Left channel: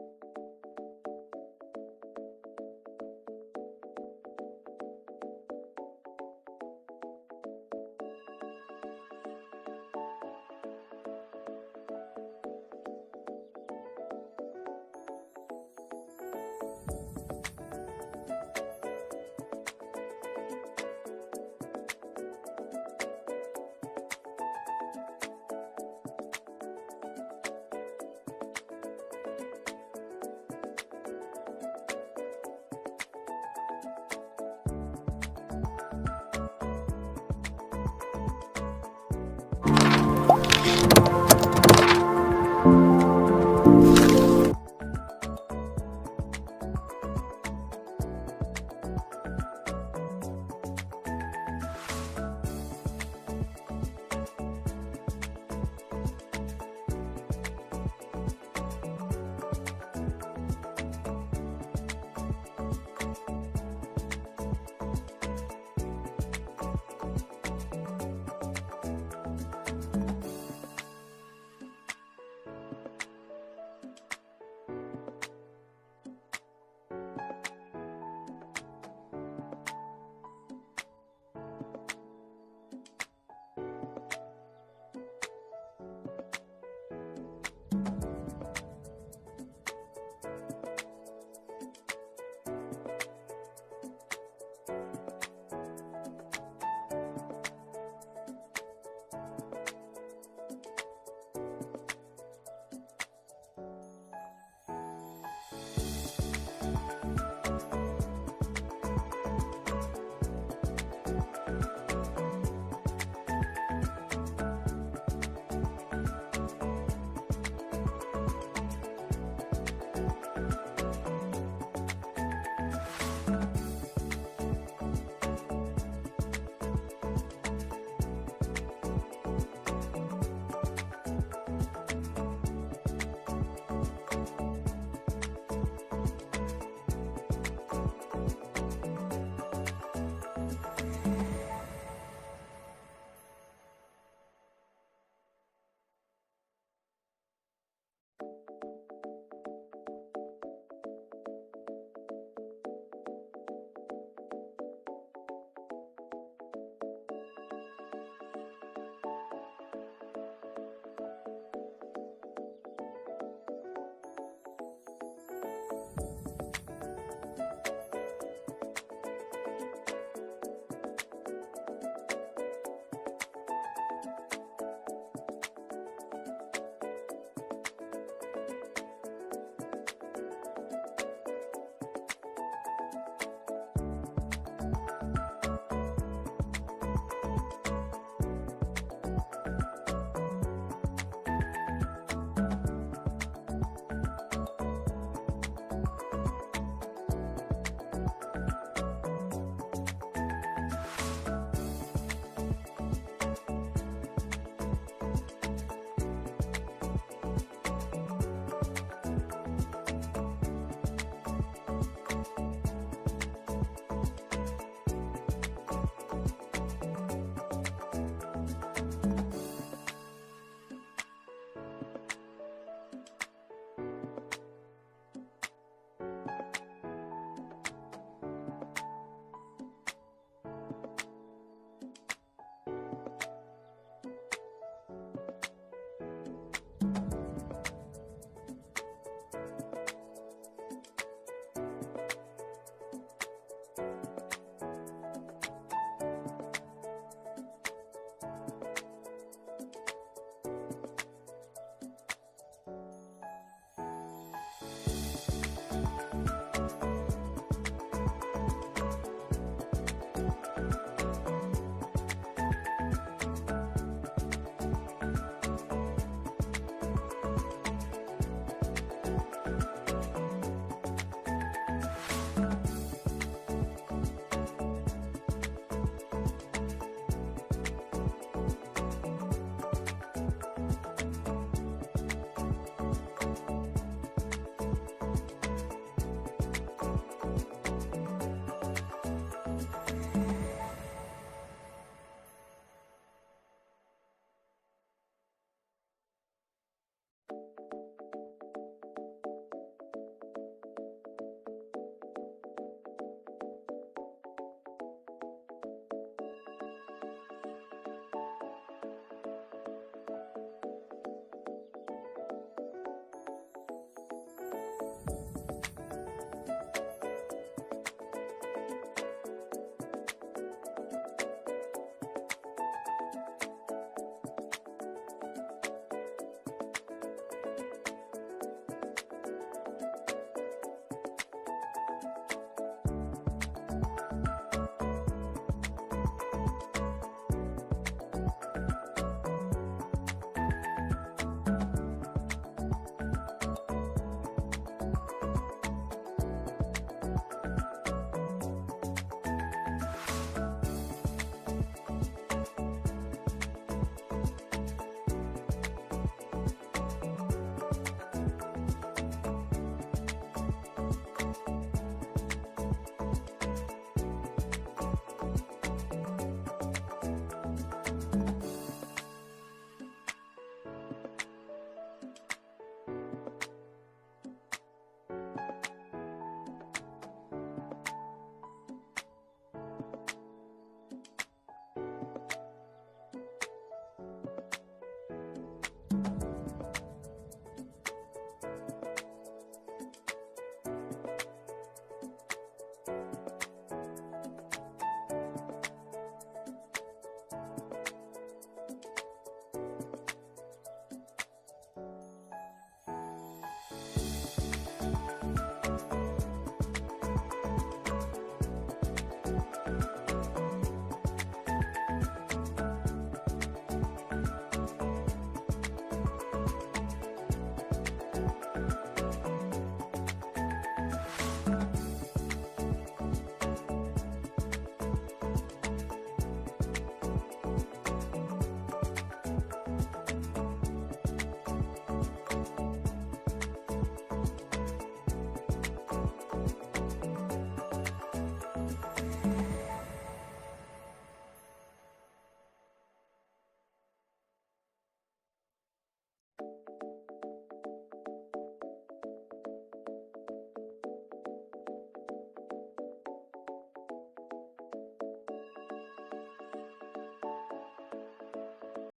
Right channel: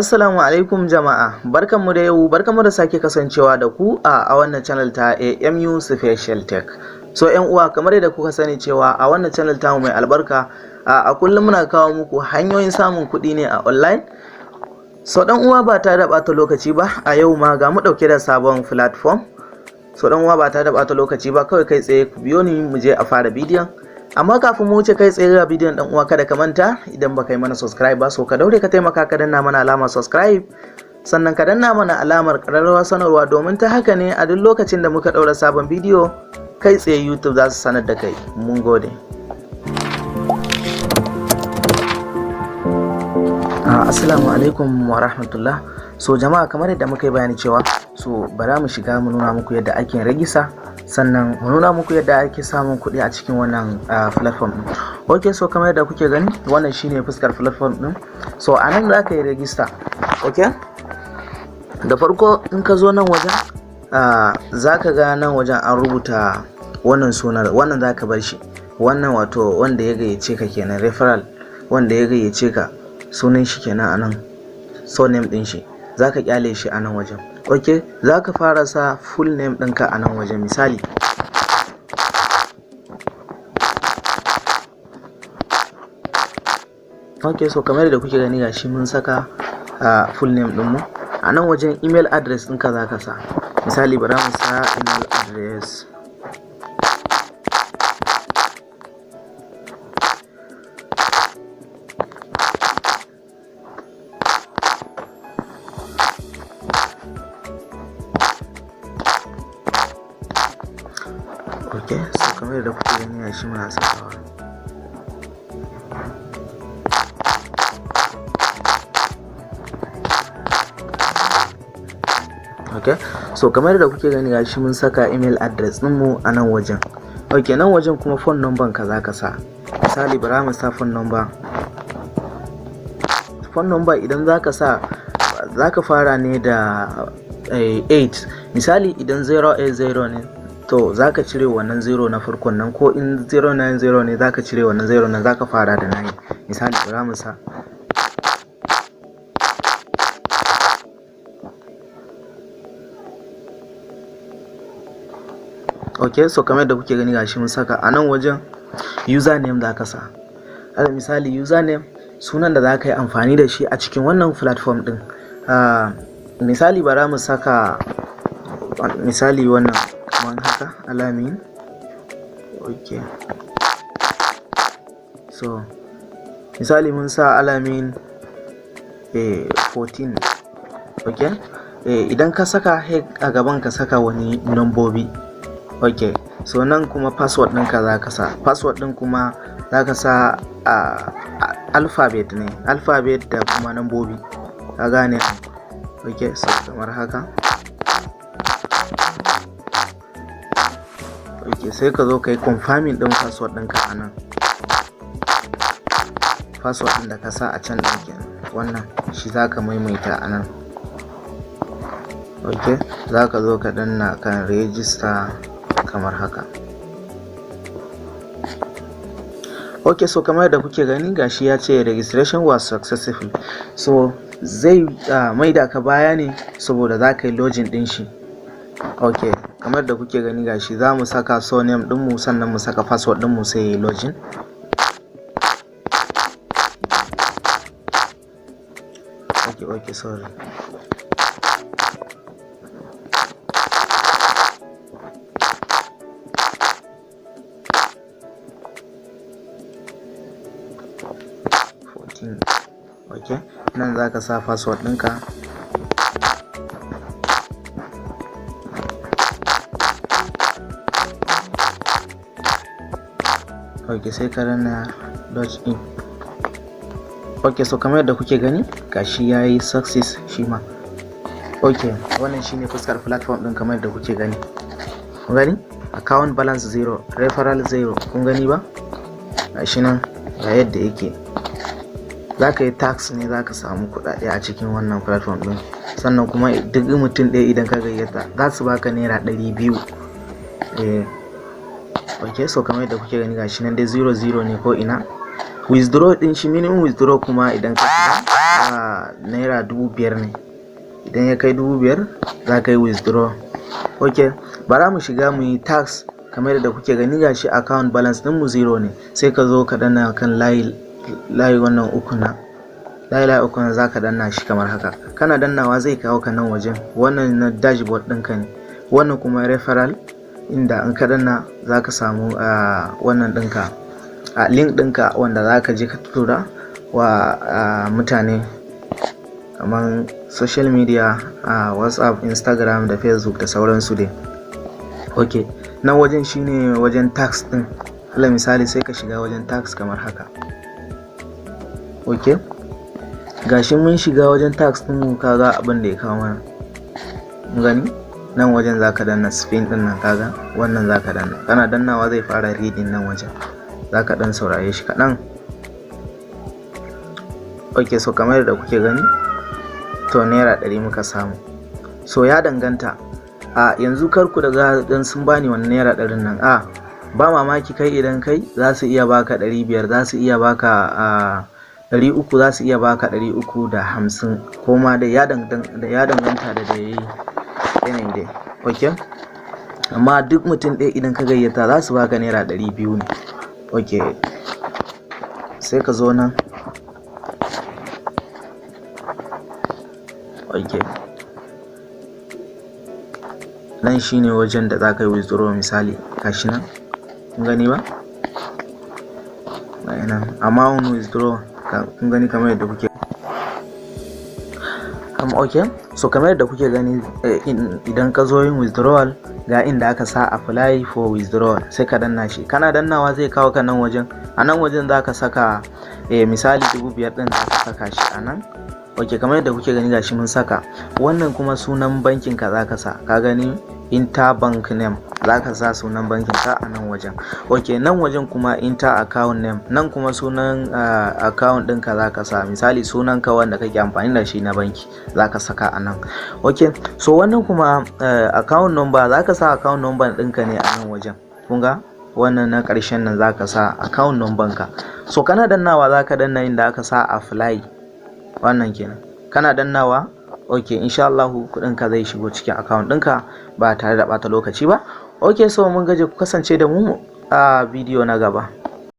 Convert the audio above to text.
Assalamu alaikum jama'a, barkanmu da yau, barkanmu da sake kasancewa da ku a wannan channel ta AMU Special Tech. So yan uwa, kamar yadda kuka sani cewa a wannan channel ta mai albarka a kullum muna kawo muku hanyoyin samun kuɗi ne a online. So dan uwa ba ta da ɓata lokaci ba, a yau ma ga mu ɗauke da sabon platform. So dan uwa ba ta da ɓata lokaci ba, kawai kai tsaye ku biyo ni mu je a fara bidiyon. Amma kafin mu wuce kai tsaye ga bidiyon dan uwa, kada ka manta idan baka yi mana subscribe ba, so ka daure ka taimaka ka danna mana alamar subscribe, sannan ka danna mana alamar ƙararrawar sanarwa, domin ta haka ne a duk lokacin da muka ɗaura sabon bidiyo kai tsaye YouTube za su sanar da kai. Mun gode. Assalamu alaikum wa rahmatullah. So jama'a, kamar yadda muka yi bayani cewa so bara mu shiga mu nuna muku yadda ake ragista, sannan mu nuna muku yadda ake samun kuɗi a cikin wannan platform din. Okay, so kamar yadda kuke gani wannan shine fuskar platform din. So a nan za ka yi ragista. Okay, da farko in ka zo nan wajen za ka ga nan wajen an rubuta wannan sunan, wannan za ka bar shi, wannan wato wanda ya gayyace ka kenan, referral wanda ya gayyace ka sunan shi kenan a nan, so name din shi za ka kyale shi a nan wajen. Ok, za ka fara sa full name ɗinka a nan wajen. Misali ok, so kamar da kuke gani gashi mun saka full name ɗinmu a nan wajen. Email address ɗinka za ka sa, misali bari mu sa email address. Ok, so kamar da kuke gani gashi muna sakawa. Ok, so kamar da kuke gani gashi mun saka email address ɗinmu a nan wajen. Ok, nan wajen kuma phone number ka za ka sa, misali bara mu sa phone number. Phone number idan za ka sa, za ka fara ne da 8. Misali idan 080 ne, to za ka cire wannan 0 na farkon nan, ko in 090 ne za ka cire wannan 0 nan, za ka fara da 9. Misali bara mu sa ok, so kamar da kuke gani gashi mun saka a nan wajen. Username za ka sa, alal misali username sunan da za ka yi amfani da shi a cikin wannan platform din. Misali bara mu saka misali wannan kamar haka, alamin. Ok, so misali mun sa alamin 14. ok, idan ka saka a gaban ka saka wani nambobi. ok, so nan kuma password ɗinka za ka sa, password ɗin kuma za ka sa alphabet ne, alphabet da kuma nambobi, ka gane. ok, so kamar haka. ok, sai ka zo ka yi confirming ɗin password ɗinka a nan. Password ɗin da ka sa a can ɗin wannan shi za ka maimaita a nan. ok, za ka zo ka danna kan register kamar haka. ok, so kamar da kuke gani gashi ya ce registration was successful. So zai maida ka baya ne saboda za ka yi login din shi. ok, kamar da kuke gani gashi za mu saka surname dinmu, sannan mu saka password dinmu sai yi login. ok, sorry. ok, nan za ka sa password ɗinka. ok, sai ka danna login. ok, so kamar yadda kuke gani gashi ya yi success shi ma. ok, wannan shine fuskar platform ɗin kamar yadda kuke gani. kun gani account balance 0, referral 0, kun gani ba gashi nan ga yadda yake. za ka yi tax ne, za ka samu kuɗaɗe a cikin wannan platform ɗin, sannan kuma duk mutum ɗaya idan ka gayyata za su baka naira 200. ok, so kamar yadda kuke gani gashi nan dai 00 ne ko ina. withdraw din shi, minimum withdraw kuma idan ka shiga naira naira 5,000 ne. Idan ya kai 5,000 za ka yi withdraw. Ok, bara mu shiga mu yi tax. Kamar yadda kuke gani gashi account balance din mu 0 ne, sai ka zo ka danna kan layi wannan uku na layi uku na zaka danna shi kamar haka. Kana dannawa zai kawo ka nan wajen, wannan na dashboard ɗinka ne, wannan kuma referral, inda in ka danna zaka samu wannan ɗinka link ɗinka wanda zaka je ka tura wa mutane kamar social media, WhatsApp, Instagram da Facebook da sauransu dai. Ok, nan wajen shine wajen tax din. Alal misali sai ka shiga wajen tax kamar haka. Ok, gashi mun shiga wajen tax din, kaga abin da ya kawo mana. Gani nan wajen zaka danna spin din nan, kaga wannan zaka danna. Kana dannawa zai fara reading nan wajen, zaka dan saurare shi kaɗan. Ok, so kamar yadda kuke gani to naira 100 muka samu. So ya danganta, yanzu karku daga dan sun bani wannan naira 100 nan, ba mamaki kai idan kai za su iya baka 500, za su iya baka 300, za su iya baka 350, ko ma da ya danganta da yayi yanayin dai. Ok, amma duk mutum ɗaya idan ka gayyata za su baka naira 200 ne. Ok, sai ka zo nan. Ok, nan shine wajen da za ka yi withdraw. Misali gashi nan, kun gani ba? Nan amount withdraw, kun gani kamar yadda kuke. Ok, so kamar yadda kuke gani, idan ka zo yin withdrawal ga inda aka sa apply for withdrawal, sai ka danna shi. Kana dannawa zai kawo ka nan wajen. A nan wajen za ka saka misali 5,000 din, za ka saka shi a nan. Ok, kamar yadda kuke gani gashi mun saka. Wannan kuma sunan bankin ka za ka sa, ka gani interbank name, za ka sa sunan bankin ka a nan wajen. Ok, nan wajen kuma inter account name, nan kuma sunan account ɗinka za ka sa. Misali sunan ka wanda kake amfani da shi na banki za ka saka a nan. Ok, so wannan kuma account number, za ka sa account number ɗinka ne a nan wajen. Kun ga wannan na ƙarshen nan za ka sa account number ka. So kana dannawa za ka danna inda aka sa apply, wannan kenan. Kana dannawa, ok, insha Allah kuɗin ka zai shigo cikin account ɗinka ba tare da ɓata lokaci ba. Ok, so mun gaje, ku kasance da mu a bidiyo na gaba.